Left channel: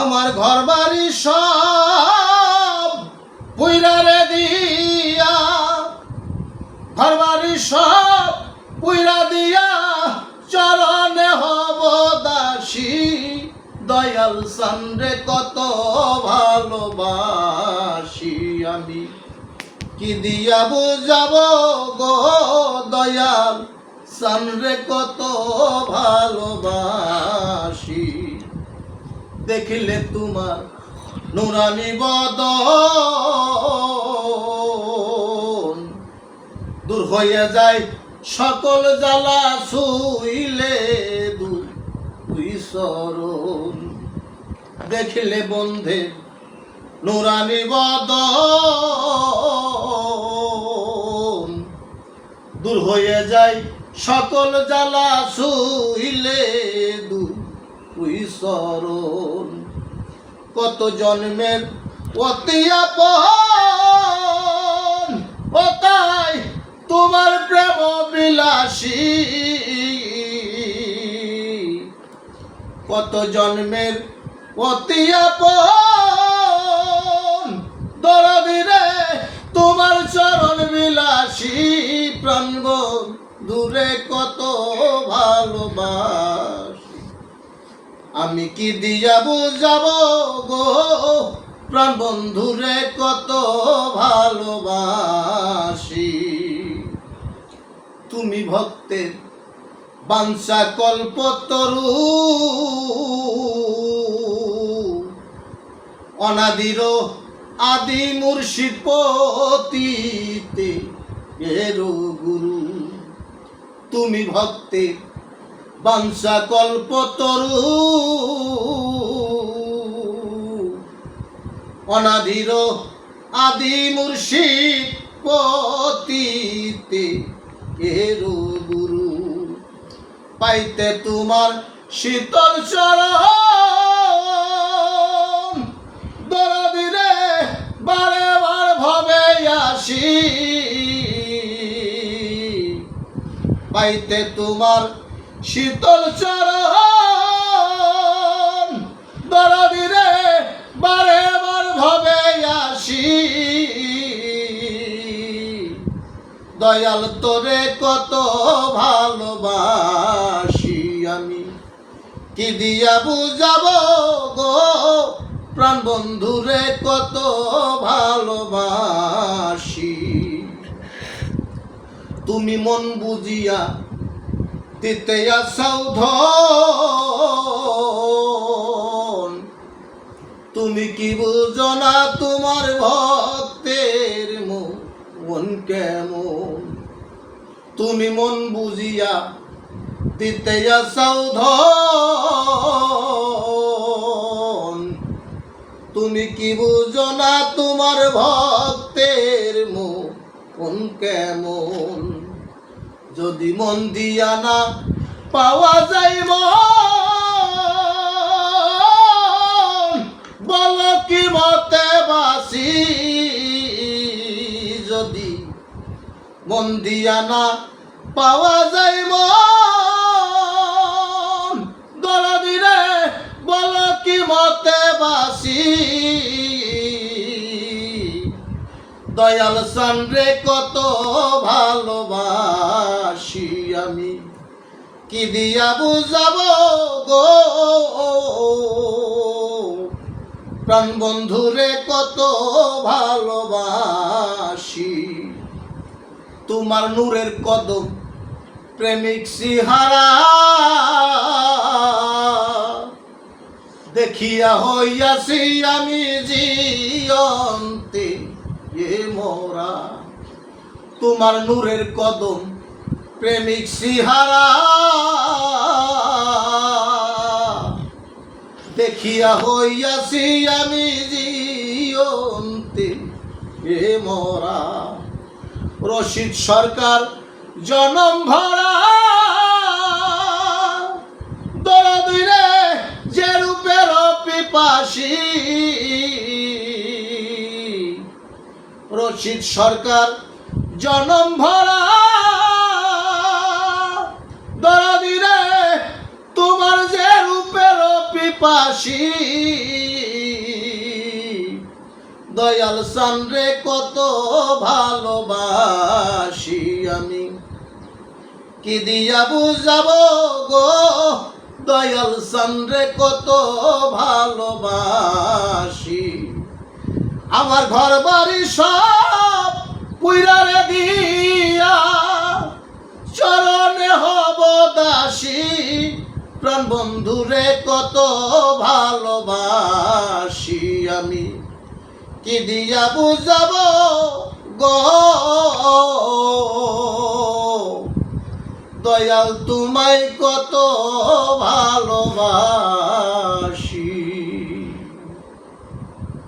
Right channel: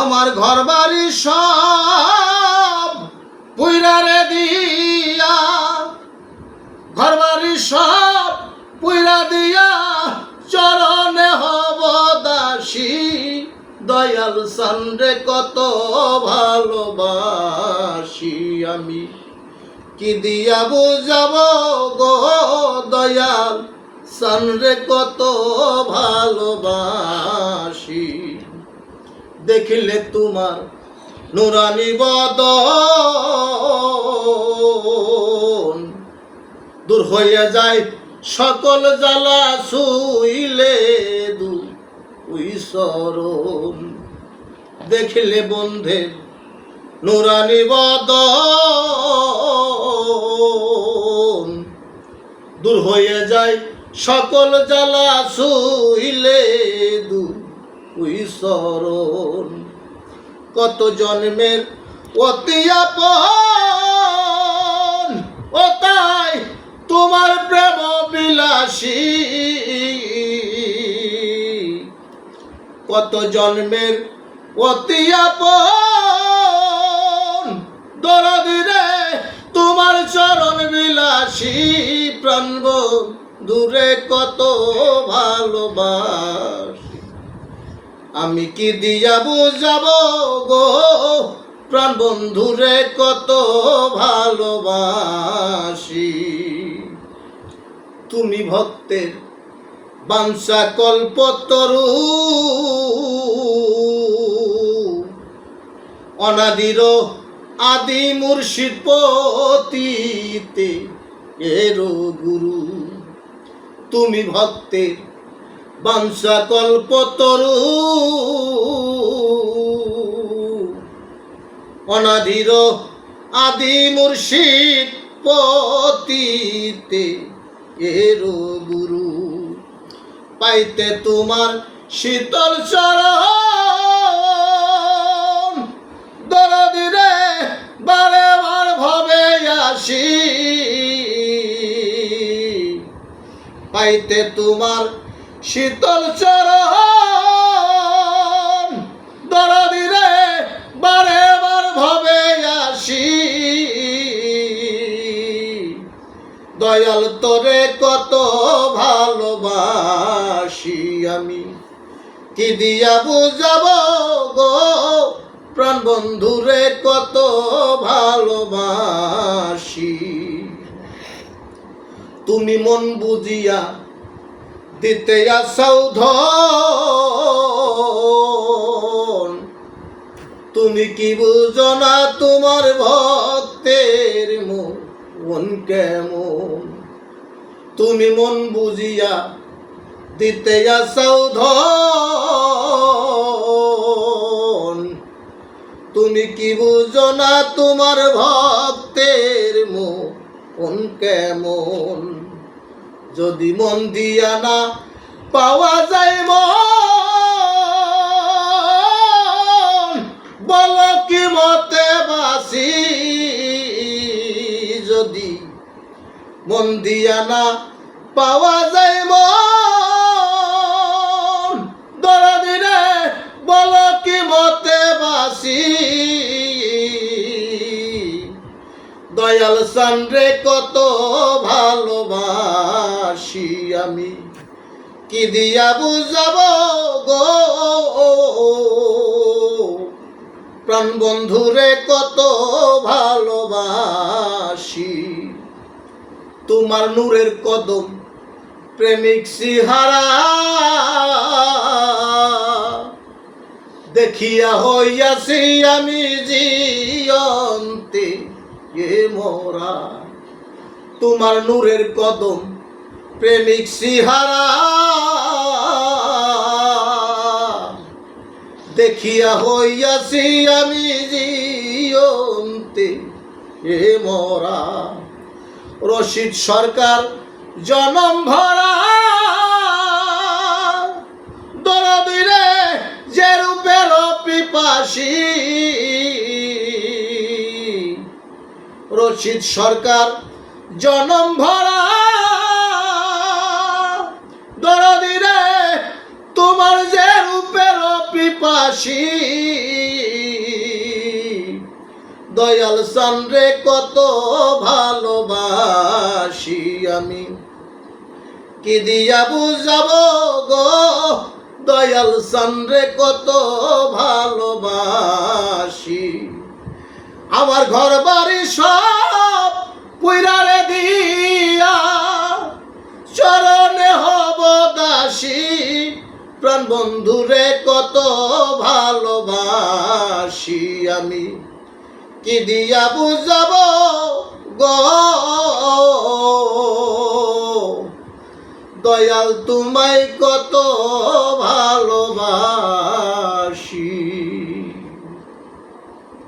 আমার ঘর বাড়ি সব পুইরা রে দিয়া, ঘর বাড়ি সব পুইরা দিয়া চরণে হব দাসী। দয়াল সানরে কত ভালোবাসি আমি, কি দিয়া বুঝাব গো দয়াল সানরে কত ভালোবাসি। দেখিলে তোমার নুরানি বদন, দূর হইয়া যায় সকল জ্বালা, শুইলে দুই চরণ। দেখিলে বন্ধের নুরানি বদন, দূর হইয়া যায় সকল জ্বালা, শুইলে দুই চরণ। কত জন্মের অতি আপন, ও তাই তোমার প্রেম বিলাসী। কত জন্মের অতি আপন, দরদি রে তোমার চরণ বিলাসী। প্রাণ দূরে কত ভালোবাসি, আমি কি দিয়া বুঝাব গো প্রাণ বন্ধুরে কত ভালোবাসি। তুমি ভক্তের বাঞ্ছা কল্পতরু, অনাদির আদি মুর্শিদ পতিতে এরো গুরু। তুমি ভক্তের বাঞ্ছা কল্পতরু, অনাদির আদি মুর্শিদ পতিতে এরো গুরু। পাইতে তোমার শীতল চরণ, দরদি রে বারে বার ভাবে আসি। পাইতে তোমার শীতল চরণ, দরদি রে বারে বার ভাবে আসি। দয়াল তোরে কত ভালোবাসি আমি, কি দিয়া বুঝাব গো প্রাণ বন্ধুরে কত ভালোবাসি। তুমি মন বুঝিয়া দিতে আসাও ধন, তুমি কি বুঝো না তোমার ভক্তের মন কেমন। তুমি মন বুঝিয়া দিতে আসাও ধন, তুমি কি বুঝো না তোমার ভক্তের মন কেমন। যদি মন দিয়া না পাওয়া যায় মন, বলো কি মতে বাসি। যদি মন দিয়া না পাওয়া যায় মন, দরদি রে বলো কি মতে বাসি। দয়াল সানরে কত ভালোবাসি আমি, কি দিয়া বুঝাব গো প্রাণ বন্ধুরে কত ভালোবাসি। তোমার নূরের কদম প্রেমিক সিহারা, দেখিয়া হইয়াছি আমি জিয়ন্তে এ মোরা। তোমার নূরের কদম প্রেমিক সিহারা, দেখিয়া হইয়াছি আমি জিয়ন্তে এ মোরা। রশিদ সরকার জনম ভরা, দরদি রে যে রূপের পিপাসী। রশিদ সরকার জনম ভরা, দরদি রে তোমার যে রূপের পিপাসী। দয়াল সানরে কত ভালোবাসি আমি, কি দিয়া বুঝাবো গো দয়াল সানরে কত ভালোবাসি। আমার ঘর বাড়ি সব পুইরারে দিয়া চরণে হব দাসী, প্রাণ বন্ধুরে কত ভালোবাসি আমি, কি দিয়া বুঝাবো গো দয়াল তোমায় কত ভালোবাসি।